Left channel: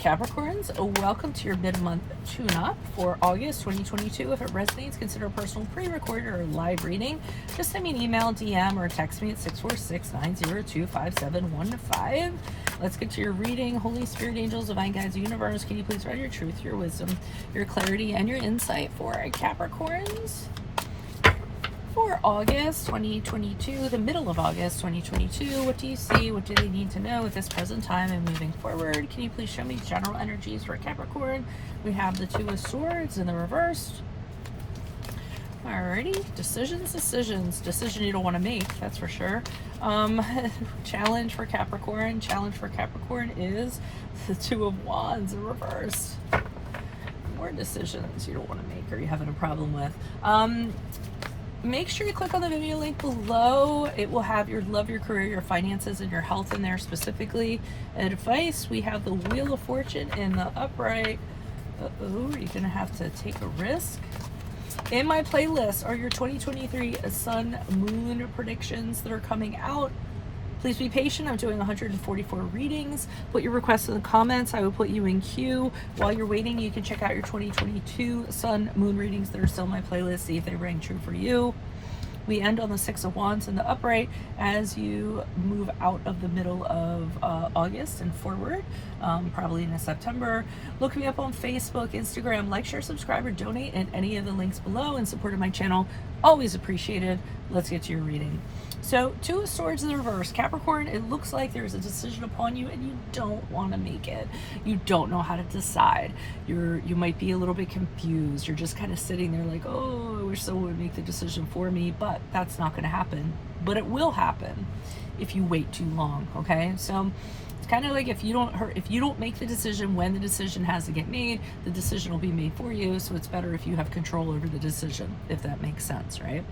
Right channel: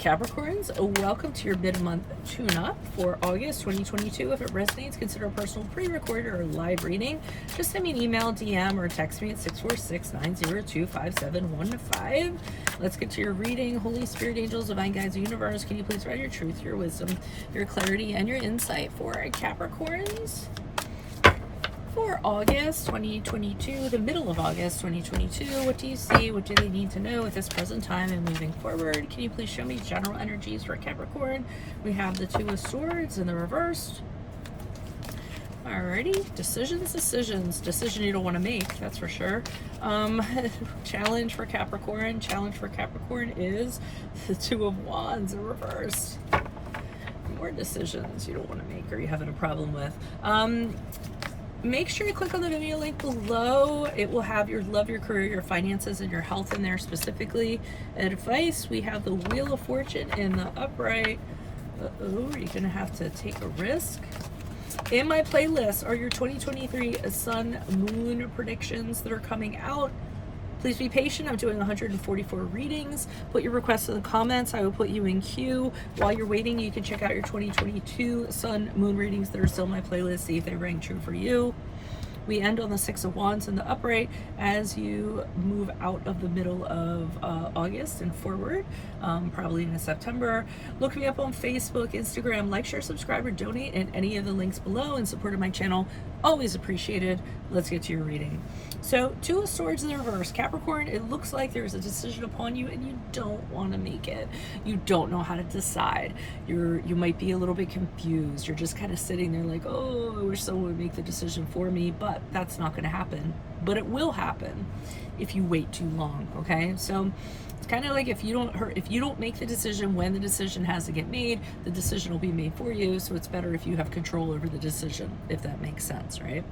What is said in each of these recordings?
Capricorns, welcome to your mid-month tune-up for August 2022. If it resonates, consider a personal pre-recorded or live reading. Just send me an email, DM, or text me at 646-902-5715. Let's get to your reading. Holy Spirit, angels, divine guides, universe, can you please write your truth, your wisdom, your clarity, and your insight for our Capricorns? For August 2022, the middle of August 2022, what do you see? What do they need to know at this present time and moving forward? Can you please show me general energies for Capricorn? We have the Two of Swords in the reverse. Alrighty, decisions. Decision you don't want to make, that's for sure. Challenge for Capricorn. Challenge for Capricorn is the Two of Wands in reverse. More decisions you don't want to make or you're having a problem with. Make sure you click on the video link below. It will have your love, your career, your finances, and your health in there specifically. Advice, we have the Wheel of Fortune in the upright. Uh-oh, you're going to have to take a risk. In my playlist are your 2023 Sun, Moon predictions that are coming out. Please be patient. I'm doing 144 readings. Put your requests in the comments. I will put you in queue. While you're waiting, you can check out your 2022 Sun, Moon readings that are still in my playlist. See if they ring true for you. We end on the Six of Wands in the upright as you move out of the middle of August and forward, probably into September. Look me up on Facebook, Instagram, like, share, subscribe, or donate at any of the links below in support of my channel. Always appreciated. Let's get to your reading. So, Two of Swords in the reverse. Capricorn, it looks like there's a decision upon you and you don't want to make it. You don't know how to decide. You might be a little bit confused. You're just kind of sitting there like, oh, I wish someone would make the decision for me, but that's not going to happen. But it will happen if you wait too long, okay? So, it's kind of like if you don't make the decision when the decision has to get made, the decision will be made for you. So it's better if you have control over the decision, if that makes sense, right?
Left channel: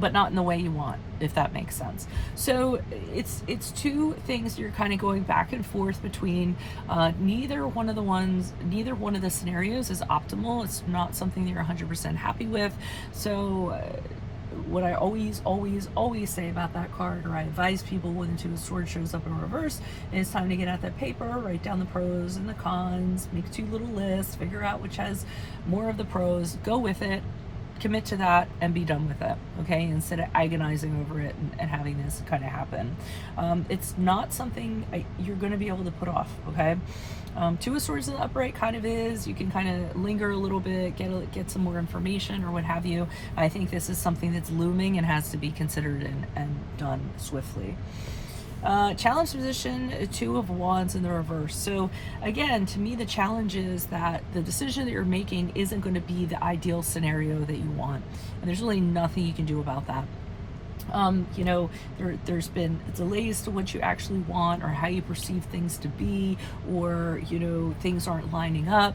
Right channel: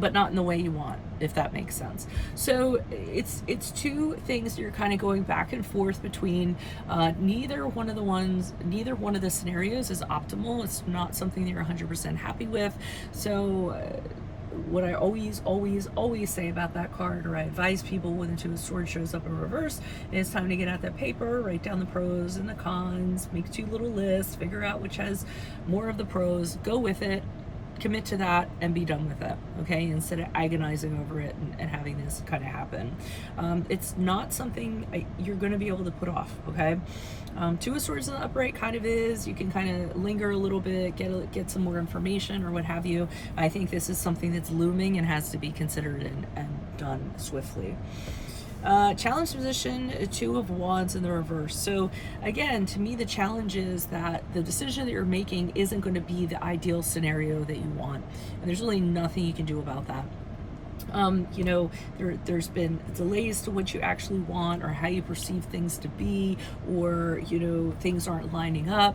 But not in the way you want, if that makes sense. So it's two things you're kind of going back and forth between. Neither one of the scenarios is optimal. It's not something that you're 100% happy with. So what I always say about that card, or I advise people when the Two of Swords shows up in reverse, it's time to get out that paper, write down the pros and the cons, make two little lists, figure out which has more of the pros, go with it, commit to that, and be done with it, okay? Instead of agonizing over it and having this kind of happen. It's not something you're going to be able to put off, okay? Two of Swords in the upright kind of is. You can kind of linger a little bit, get some more information or what have you. I think this is something that's looming and has to be considered and done swiftly. Challenge position, Two of Wands in the reverse. So again, to me, the challenge is that the decision that you're making isn't going to be the ideal scenario that you want, and there's really nothing you can do about that. You know, there's been delays to what you actually want or how you perceive things to be, or, you know, things aren't lining up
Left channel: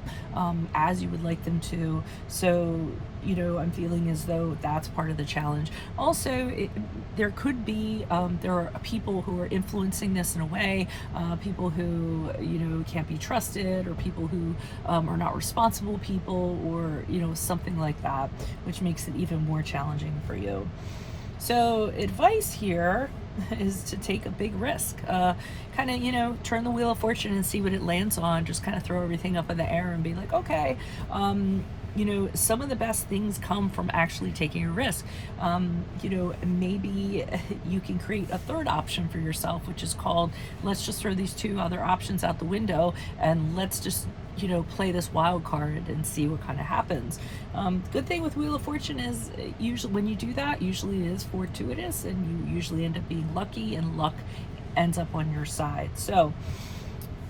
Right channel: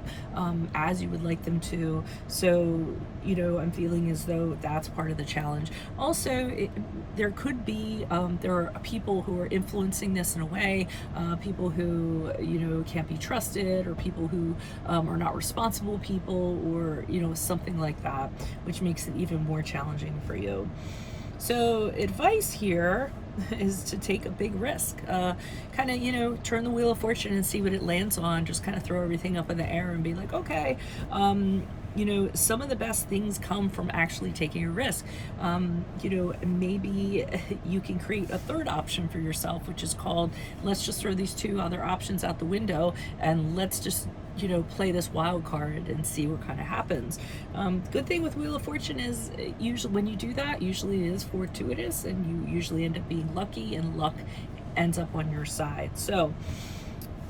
as you would like them to. So, you know, I'm feeling as though that's part of the challenge. Also, there could be, there are people who are influencing this in a way, people who, you know, can't be trusted, or people who are not responsible people, or, you know, something like that, which makes it even more challenging for you. So advice here is to take a big risk, kind of, you know, turn the Wheel of Fortune and see what it lands on. Just kind of throw everything up in the air and be like, okay, you know, some of the best things come from actually taking a risk. You know, maybe you can create a third option for yourself, which is called, let's just throw these two other options out the window and let's just, you know, play this wild card and see what kind of happens. Good thing with Wheel of Fortune is usually when you do that, usually it is fortuitous and you usually end up being lucky, and luck ends up on your side. So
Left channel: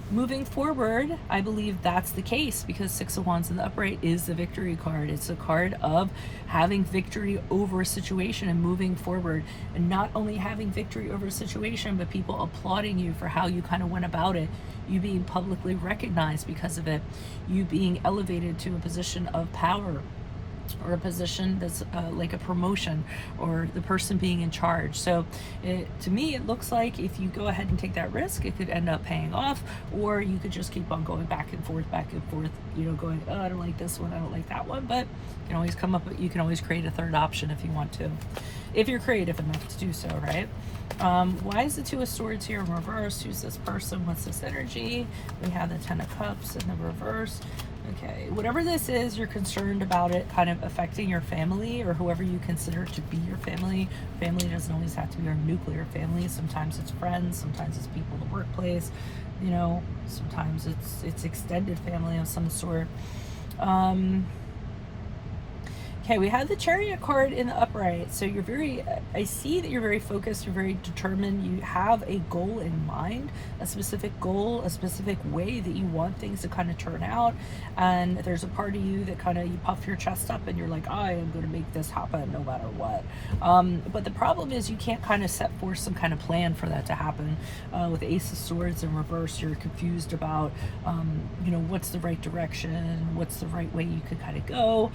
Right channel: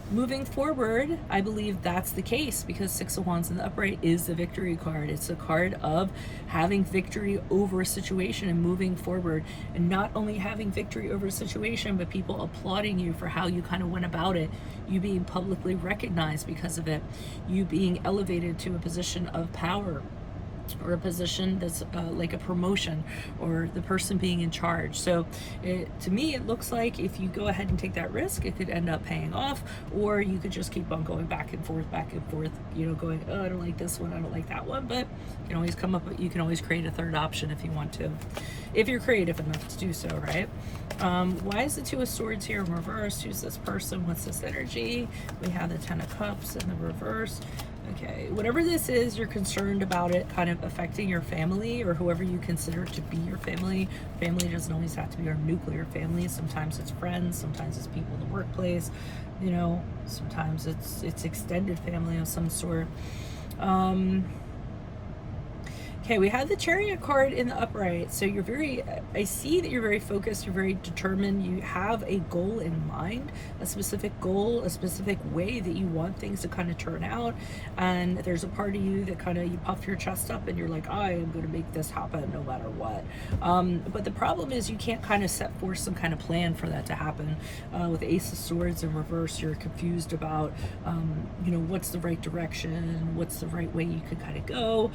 moving forward, I believe that's the case, because Six of Wands in the upright is the victory card. It's a card of having victory over a situation and moving forward, and not only having victory over a situation, but people applauding you for how you kind of went about it, you being publicly recognized because of it, you being elevated to a position of power or a position that's like a promotion, or the person being in charge. So to me, it looks like if you go ahead and take that risk, it could end up paying off, or you could just keep on going back and forth, you know, going, oh, I don't like this one, I don't like that one. But you can always come up, you can always create a third option if you want to, if you're creative enough to do so, right? Why is the Two of Swords here in reverse? Who's this person? What's this energy? We have the Ten of Cups in the reverse. Okay, whatever this is, you're concerned about it kind of affecting your family, or whoever you consider to be your family. Family doesn't always have to be your nuclear family. Sometimes it's friends, sometimes it's people in the workplace, you know, sometimes it's extended family of some sort. Okay, we have the Chariot card in the upright. So you're very, I see that you're very focused, you're very determined, you have a goal in mind, a specific goal, a specific way that you want things to kind of turn out. And there's a part of you that kind of, you puff your chest up and you're like, I am going to make this happen no matter what. But the problem is you can't kind of set forth some kind of plan for that to happen. With Ace of Swords in reverse, you're confused about, you know, what's the right direction, what's the right way you could kind of go.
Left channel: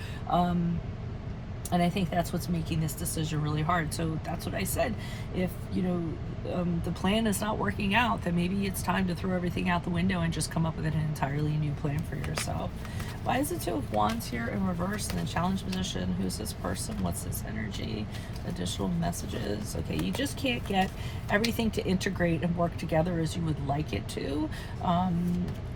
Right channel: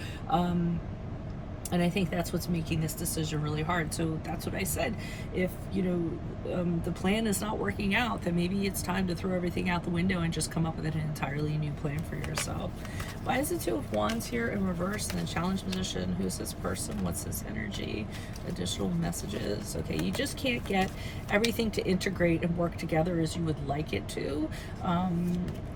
And I think that's what's making this decision really hard. So that's what I said. If, you know, the plan is not working out, then maybe it's time to throw everything out the window and just come up with an entirely new plan for yourself. Why is the Two of Wands here in reverse in the challenge position? Who's this person? What's this energy? Additional messages. Okay, you just can't get everything to integrate and work together as you would like it to.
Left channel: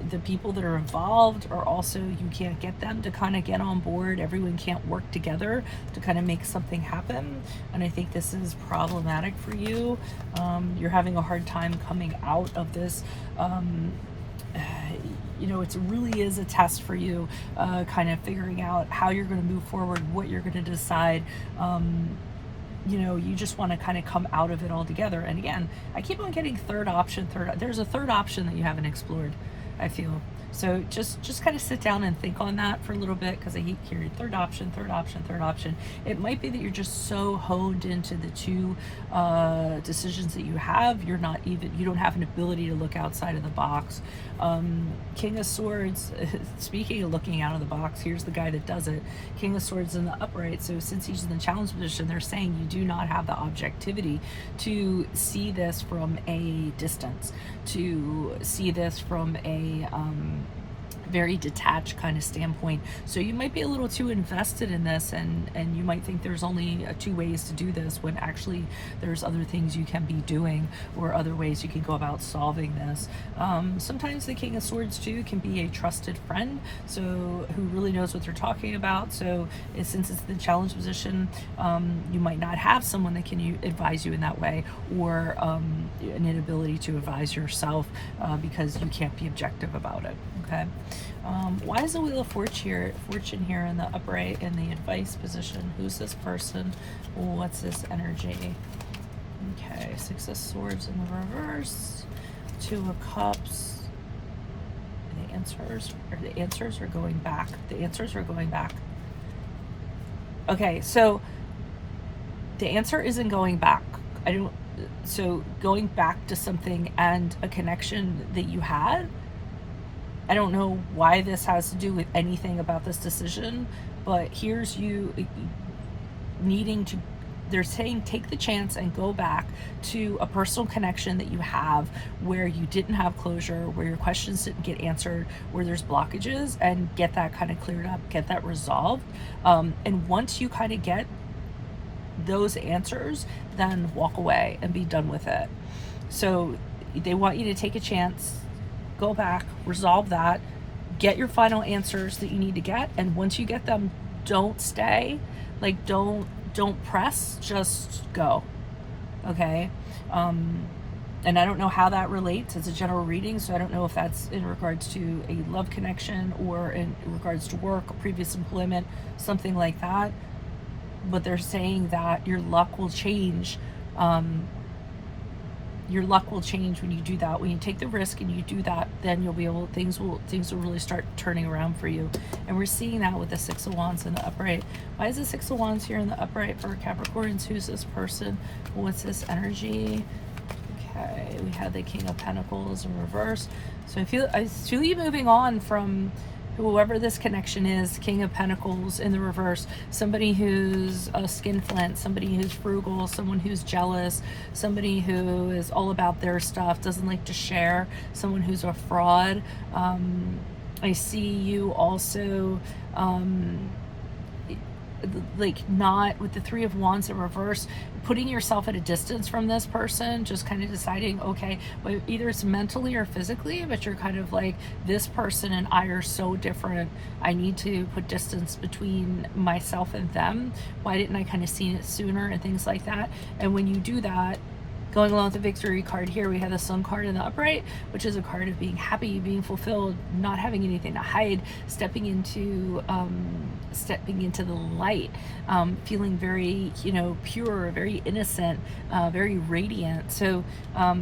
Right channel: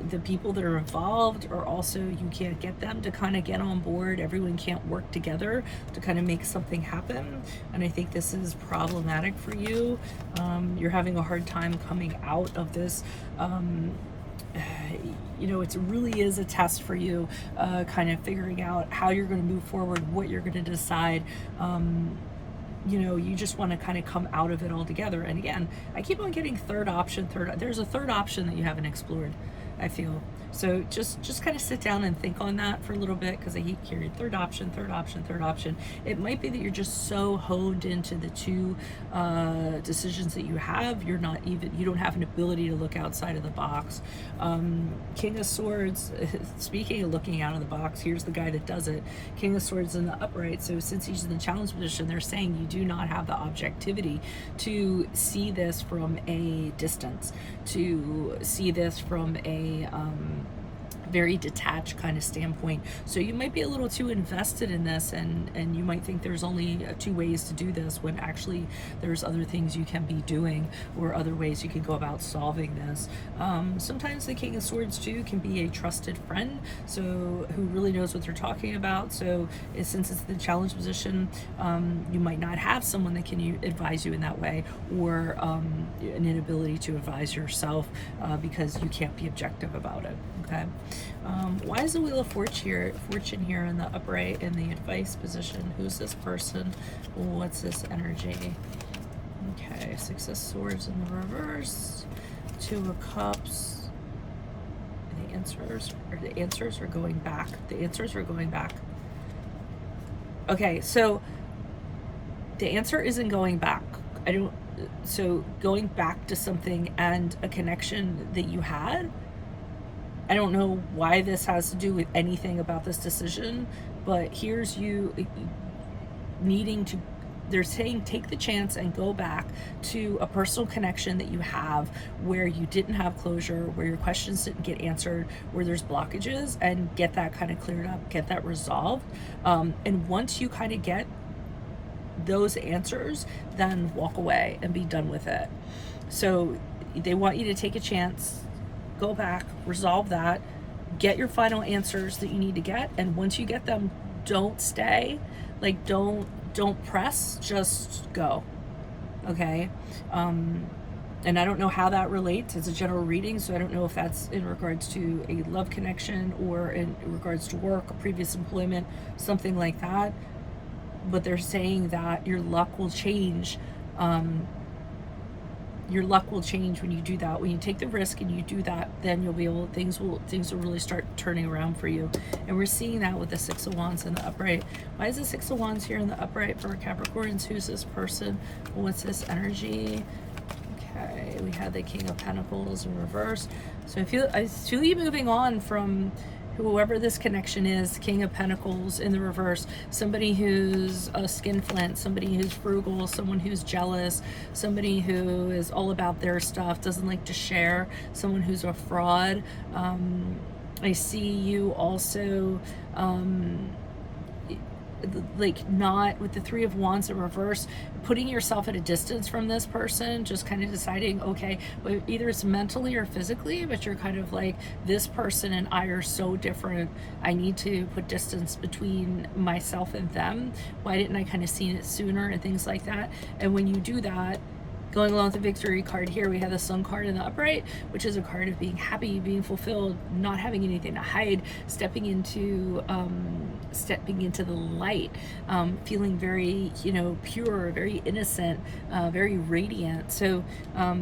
The people that are involved are also, you can't get them to kind of get on board. Everyone can't work together to kind of make something happen. And I think this is problematic for you. You're having a hard time coming out of this. You know, it really is a test for you, kind of figuring out how you're going to move forward, what you're going to decide. You know, you just want to kind of come out of it all together. And again, I keep on getting third option, there's a third option that you haven't explored, I feel. So just kind of sit down and think on that for a little bit, because I keep hearing third option, third option, third option. It might be that you're just so honed into the two decisions that you have, you don't have an ability to look outside of the box. King of Swords, speaking of looking out of the box, here's the guy that does it. King of Swords in the upright. So since he's in the challenge position, they're saying you do not have the objectivity to see this from a distance, to see this from a very detached kind of standpoint. So you might be a little too invested in this, and you might think there's only two ways to do this, when actually there's other things you can be doing, or other ways you can go about solving this. Sometimes the King of Swords too can be a trusted friend, so who really knows what they're talking about. So since it's the challenge position, you might not have someone that can advise you in that way, or an inability to advise yourself because you can't be objective about it. Okay. Why is the Wheel of Fortune here in the upright in the advice position? Who's this person? What's this energy? Okay, Six of Swords in the reverse, Two of Cups. The answers are going back. The answers are going back. Okay, so the answer isn't going back. So going back to something and a connection that you had. I don't know why this has to do with anything about this decision, but here's you needing to, they're saying take the chance and go back to a personal connection that you have where you didn't have closure, where your questions didn't get answered, where there's blockages, and get that kind of cleared up, get that resolved. And once you kind of get those answers, then walk away and be done with it. So they want you to take a chance, go back, resolve that, get your final answers that you need to get, and once you get them, don't stay, like don't press, just go. Okay. And I don't know how that relates. It's a general reading, so I don't know if that's in regards to a love connection or in regards to work, a previous employment, something like that. But they're saying that your luck will change. Your luck will change when you do that. When you take the risk and you do that, then you'll be able, things will really start turning around for you. And we're seeing that with the Six of Wands in the upright. Why is the Six of Wands here in the upright for Capricorns? Who's this person? What's this energy? Okay, we had the King of Pentacles in reverse. So I feel you moving on from whoever this connection is, King of Pentacles in the reverse, somebody who's a skinflint, somebody who's frugal, someone who's jealous, somebody who is all about their stuff, doesn't like to share, someone who's a fraud. I see you also like not with the Three of Wands in reverse, putting yourself at a distance from this person, just kind of deciding, okay, well, either it's mentally or physically, but you're kind of like, this person and I are so different, I need to put distance between myself and them. Why didn't I kind of seen it sooner, and things like that. And when you do that, going along with the Victory card here, we have the Sun card in the upright, which is a card of being happy, being fulfilled, not having anything to hide, stepping into the light, feeling very, you know, pure, very innocent, very radiant. So I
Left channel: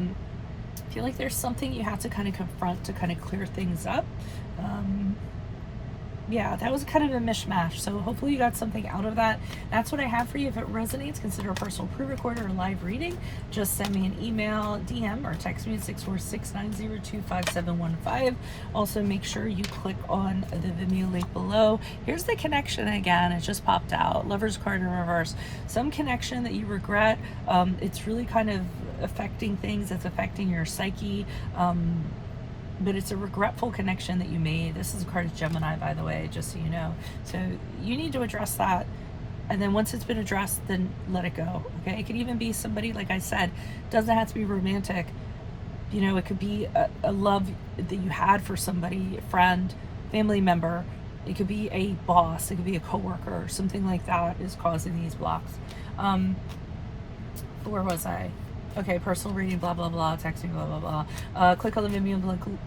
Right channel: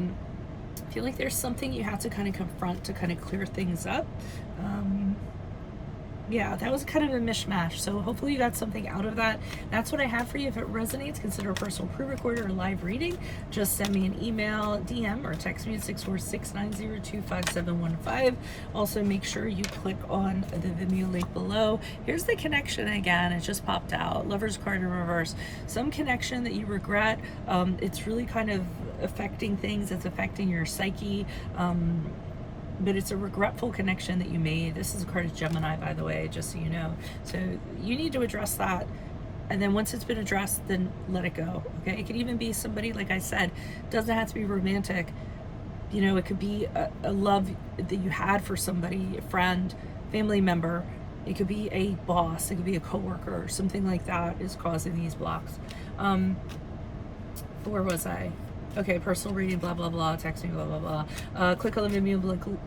feel like there's something you have to kind of confront to kind of clear things up. Yeah, that was kind of a mishmash. So hopefully you got something out of that. That's what I have for you. If it resonates, consider a personal pre-recorded or live reading. Just send me an email, DM, or text me at 646-902-5715. Also, make sure you click on the Vimeo link below. Here's the connection again. It just popped out. Lover's card in reverse. Some connection that you regret. It's really kind of affecting things. It's affecting your psyche. But it's a regretful connection that you made. This is a card of Gemini, by the way, just so you know. So you need to address that. And then once it's been addressed, then let it go, okay? It could even be somebody, like I said, doesn't have to be romantic. You know, it could be a love that you had for somebody, a friend, family member. It could be a boss. It could be a coworker. Something like that is causing these blocks. Where was I? Okay, personal reading, blah, blah, blah, text me, blah, blah, blah. Click on the Vimeo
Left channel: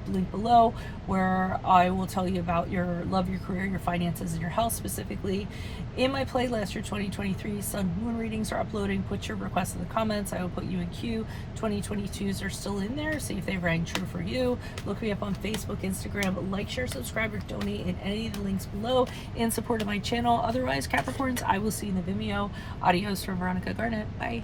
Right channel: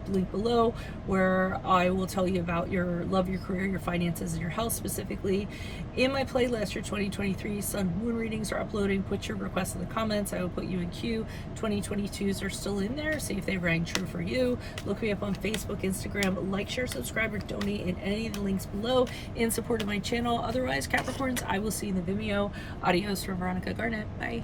link below, where I will tell you about your love, your career, your finances, and your health specifically. In my playlist, your 2023 Sun Moon readings are uploading. Put your requests in the comments. I will put you in queue. 2022s are still in there. See if they rang true for you. Look me up on Facebook, Instagram. Like, share, subscribe, or donate in any of the links below in support of my channel. Otherwise, Capricorns, I will see you in the Vimeo. Adios from Veronica Garnet. Bye.